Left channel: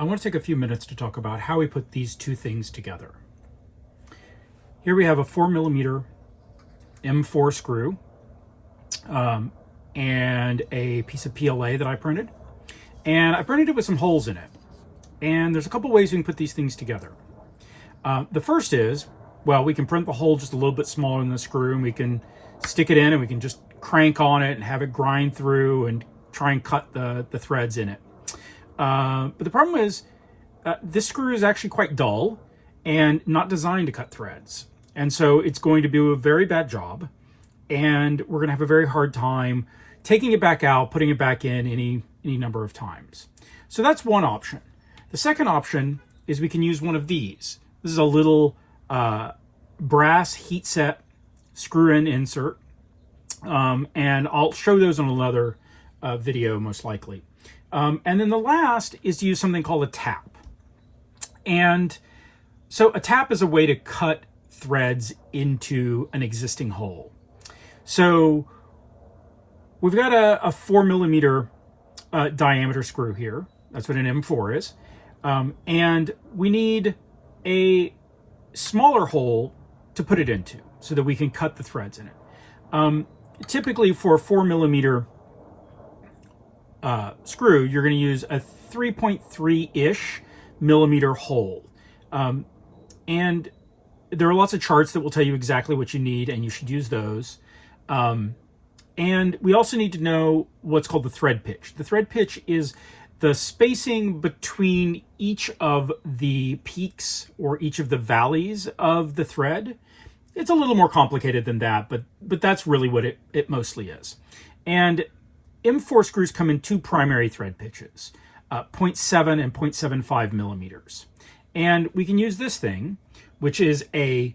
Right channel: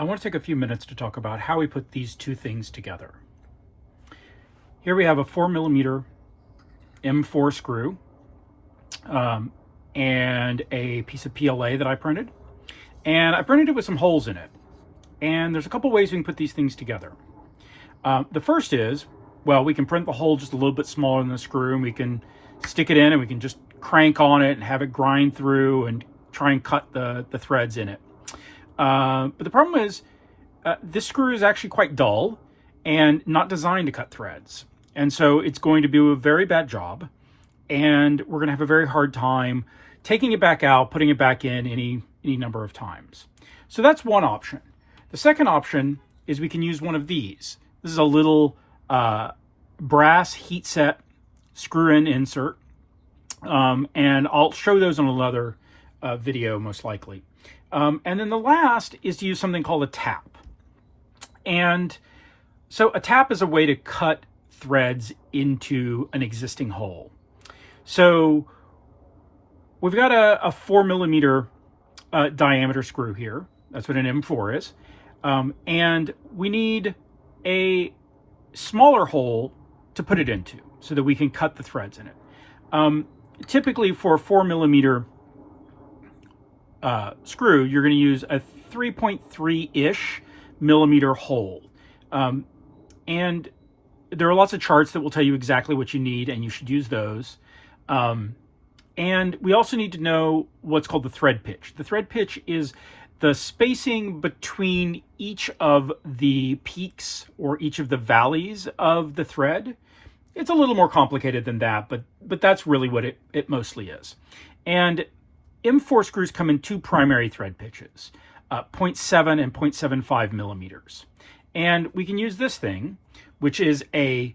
I want to take a few minutes to talk about how we put these two things together. Here we have a 4mm M4 screw and a piece of PLA that I printed. And I printed it with some holes in it. And there's a couple ways we can put these things together. The first is, well, we can print the hole just a little bit smaller than the screw, and we can stick it in and we can just crank on it and have it grind through and try and cut the threads in it. But the problem is this screw is actually quite dull and not designed to cut threads. And so it's going to do a very bad job, and we're going to have a very hard time taking it back out, putting it back in any number of times. So that's one option. The second option is we can use one of these. This is a little brass heat set screw-in insert, and I'll show those on another video most likely. And then the last is to use something called a tap. And so a tap is a way to cut threads into an existing hole. So we've got a 4mm diameter screw here. That's what an M4 is. And we need a smaller hole to put it into so that we can cut the threads in it. Typically for a 4mm screw, you're going to use a 3.3-ish millimeter hole. And there are lots of charts that will tell you exactly what you need, and you should use those. And we also need to know what's called the thread pitch. The thread pitch is the spacing between each of the peaks or each of the valleys of the thread. It's a little more complicated than that, but that's really what it mostly is. And M4 screws come in two primary thread pitches, 0.7 and 0.75 millimeters. And we can use this thing, which is a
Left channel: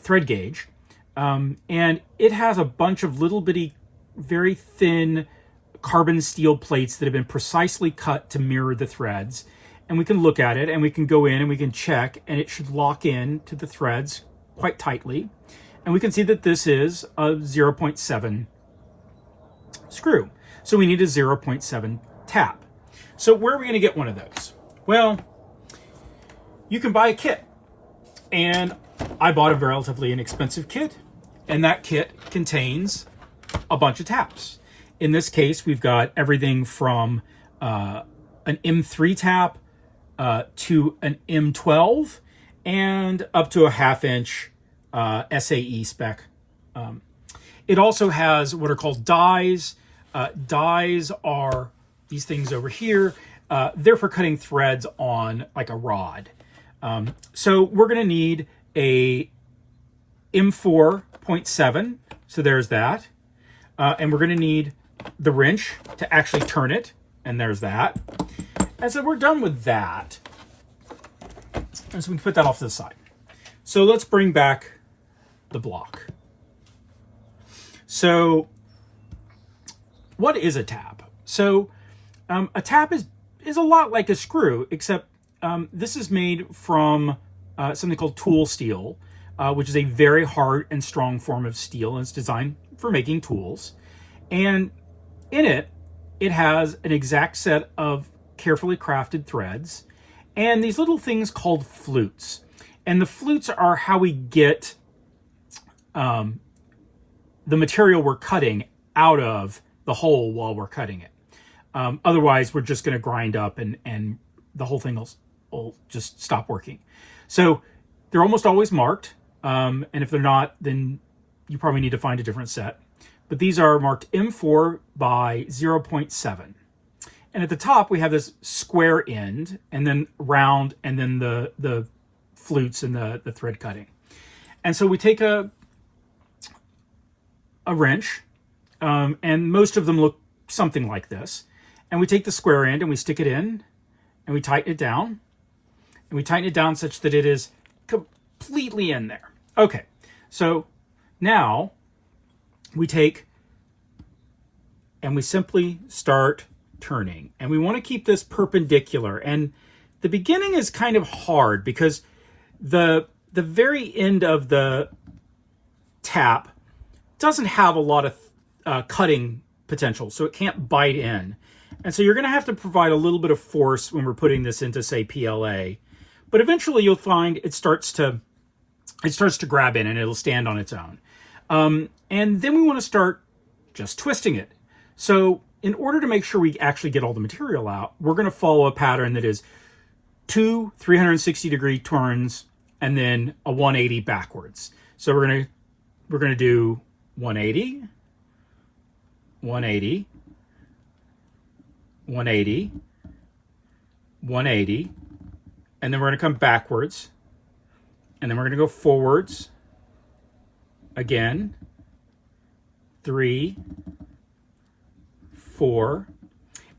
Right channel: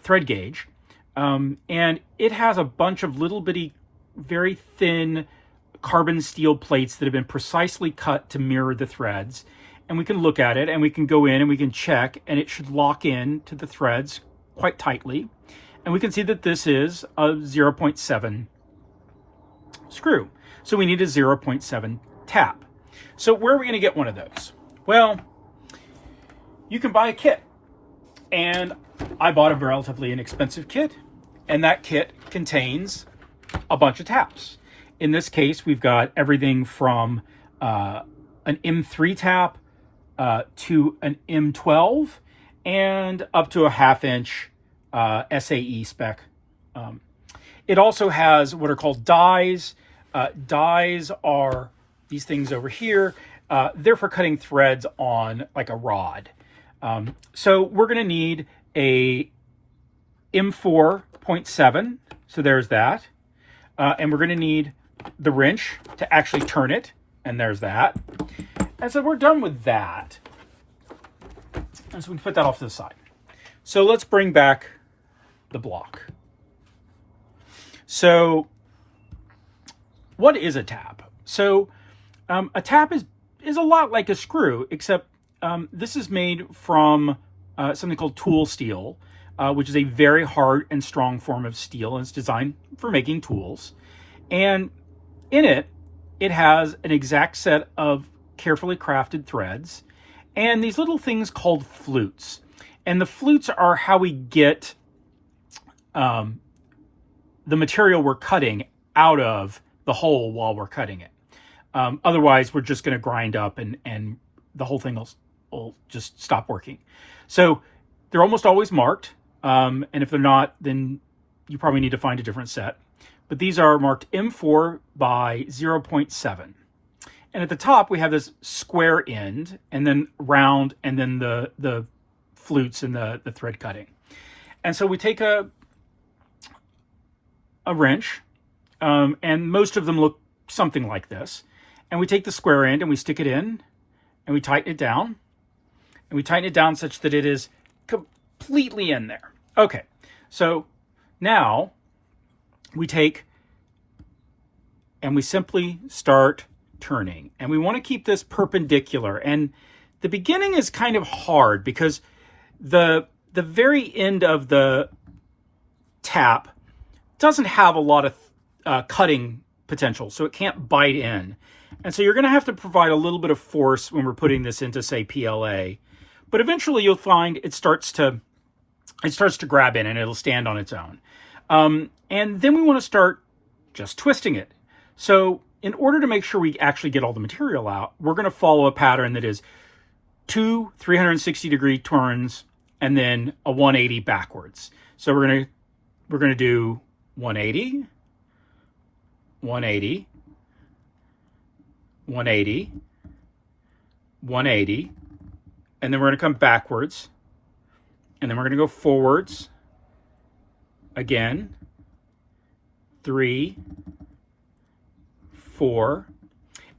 thread gauge, and it has a bunch of little bitty, very thin carbon steel plates that have been precisely cut to mirror the threads. And we can look at it and we can go in and we can check, and it should lock in to the threads quite tightly. And we can see that this is a 0.7 screw. So we need a 0.7 tap. So where are we going to get one of those? Well, you can buy a kit. And I bought a relatively inexpensive kit, and that kit contains a bunch of taps. In this case, we've got everything from an M3 tap to an M12 and up to a 1/2 inch SAE spec. It also has what are called dies. Dies are these things over here. They're for cutting threads on like a rod. So we're going to need a M4.7. So there's that. And we're going to need the wrench to actually turn it. And there's that. And so we're done with that. And so we can put that off to the side. So let's bring back the block. So what is a tap? So a tap is a lot like a screw, except this is made from something called tool steel, which is a very hard and strong form of steel, and it's designed for making tools. And in it, it has an exact set of carefully crafted threads and these little things called flutes. And the flutes are how we get the material we're cutting out of the hole while we're cutting it. Otherwise, we're just going to grind up and the whole thing will just stop working. So they're almost always marked. And if they're not, then you probably need to find a different set. But these are marked M4 by 0.7. And at the top, we have this square end, and then round, and then the flutes and the thread cutting. And so we take a wrench, and most of them look something like this. And we take the square end and we stick it in, and we tighten it down. And we tighten it down such that it is completely in there. Okay, so now we take and we simply start turning. And we want to keep this perpendicular. And the beginning is kind of hard because the very end of the tap doesn't have a lot of cutting potential, so it can't bite in. And so you're going to have to provide a little bit of force when we're putting this into, say, PLA. But eventually you'll find it starts to grab in and it'll stand on its own. And then we want to start just twisting it. So in order to make sure we actually get all the material out, we're going to follow a pattern that is 2 360-degree turns and then a 180 backwards. So we're going to do 180, 180, 180, 180, and then we're going to come backwards, and then we're going to go forwards again, 3, 4.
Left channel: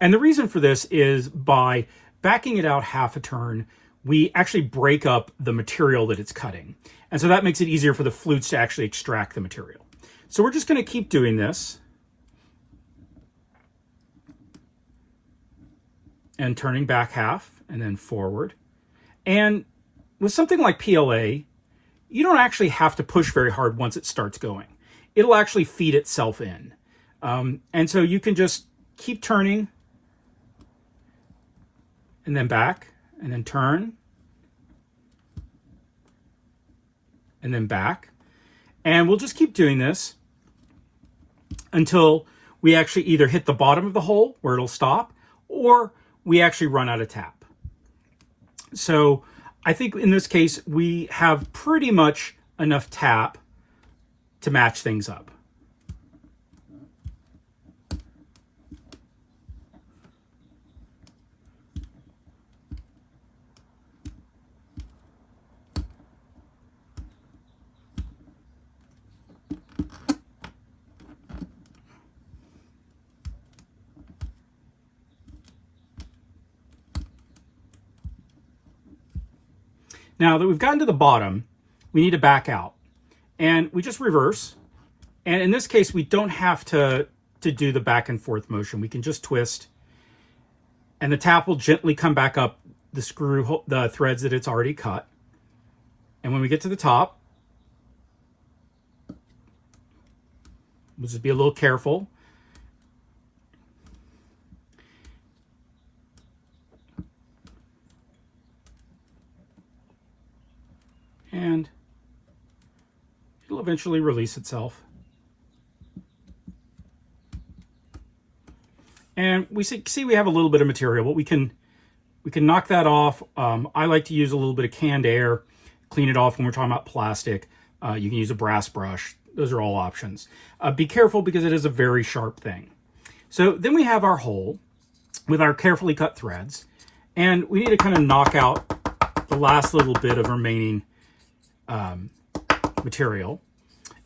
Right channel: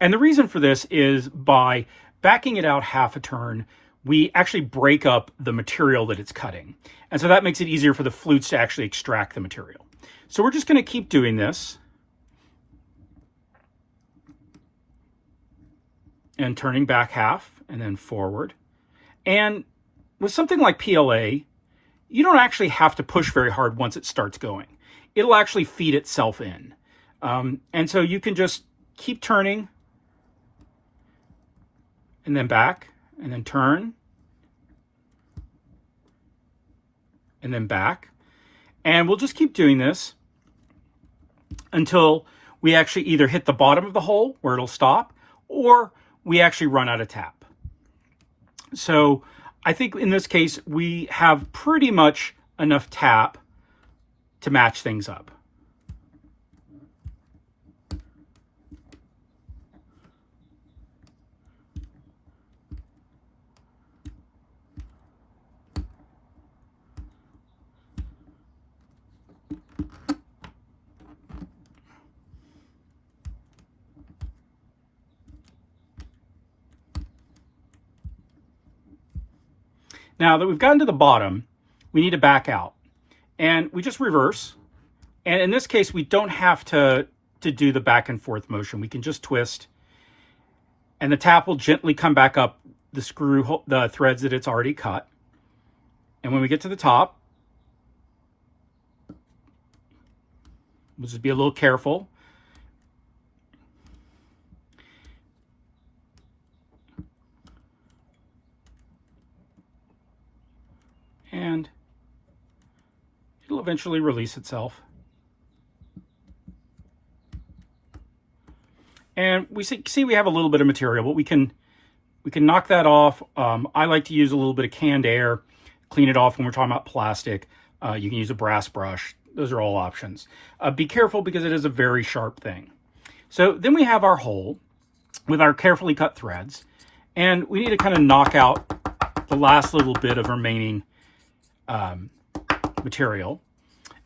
And the reason for this is by backing it out half a turn, we actually break up the material that it's cutting. And so that makes it easier for the flutes to actually extract the material. So we're just going to keep doing this and turning back half and then forward. And with something like PLA, you don't actually have to push very hard once it starts going. It'll actually feed itself in. And so you can just keep turning and then back and then turn and then back. And we'll just keep doing this until we actually either hit the bottom of the hole where it'll stop, or we actually run out of tap. So I think in this case, we have pretty much enough tap to match things up. Now that we've gotten to the bottom, we need to back out. And we just reverse. And in this case, we don't have to do the back and forth motion. We can just twist. And the tap will gently come back up the threads that it's already cut. And when we get to the top, we'll just be a little careful. And it'll eventually release itself. And we see we have a little bit of material, but we can knock that off. I like to use a little bit of canned air, clean it off when we're talking about plastic. You can use a brass brush. Those are all options. Be careful because it is a very sharp thing. So then we have our hole with our carefully cut threads, and we need to kind of knock out the last little bit of remaining material.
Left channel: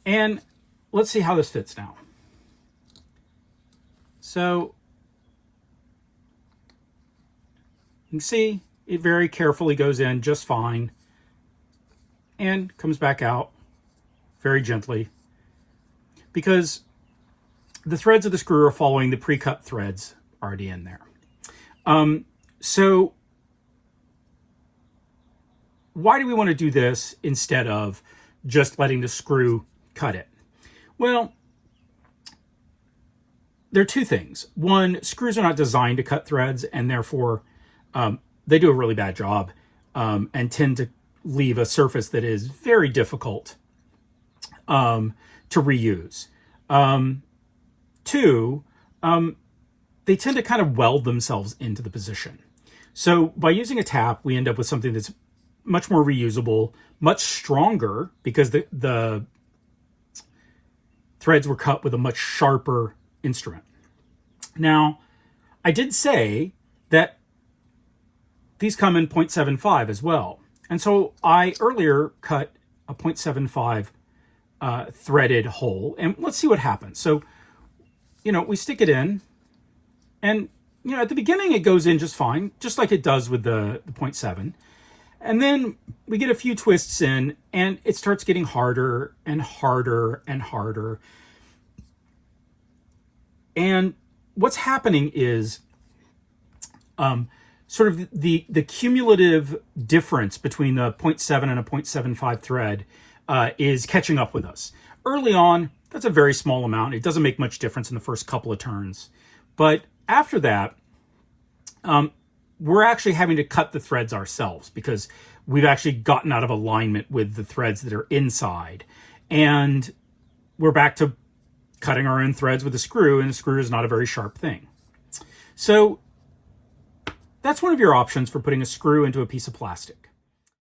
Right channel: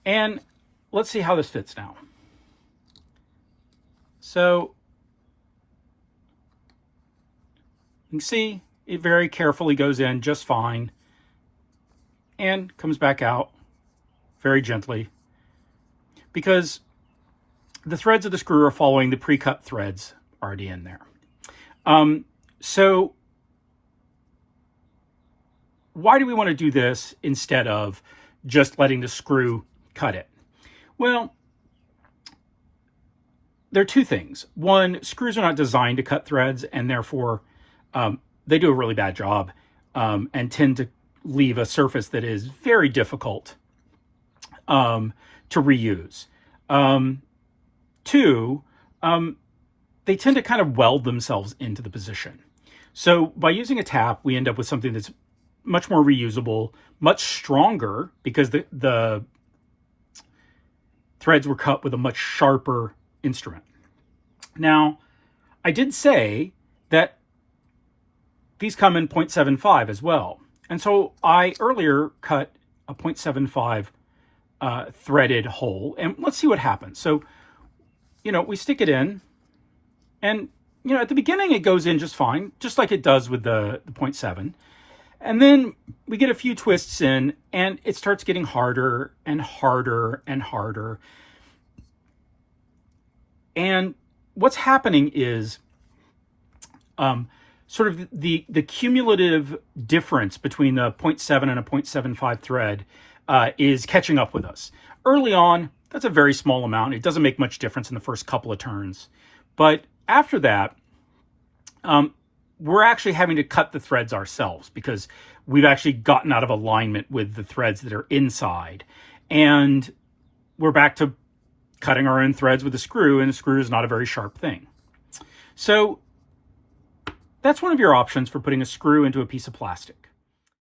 And let's see how this fits now. So you can see it very carefully goes in just fine and comes back out very gently because the threads of the screw are following the pre-cut threads already in there. So why do we want to do this instead of just letting the screw cut it? Well, there are two things. One, screws are not designed to cut threads, and therefore they do a really bad job and tend to leave a surface that is very difficult to reuse. Two, they tend to kind of weld themselves into the position. So by using a tap, we end up with something that's much more reusable, much stronger, because the threads were cut with a much sharper instrument. Now, I did say that these come in 0.75 as well. And so I earlier cut a 0.75 threaded hole, and let's see what happens. So, we stick it in, and, at the beginning it goes in just fine, just like it does with the 0.7. And then we get a few twists in, and it starts getting harder and harder and harder. And what's happening is sort of the cumulative difference between the 0.7 and a 0.75 thread is catching up with us. Early on, that's a very small amount. It doesn't make much difference in the first couple of turns. But after that, we're actually having to cut the threads ourselves because we've actually gotten out of alignment with the threads that are inside. And we're back to cutting our own threads with a screw, and a screw is not a very sharp thing. So that's one of your options for putting a screw into a piece of plastic.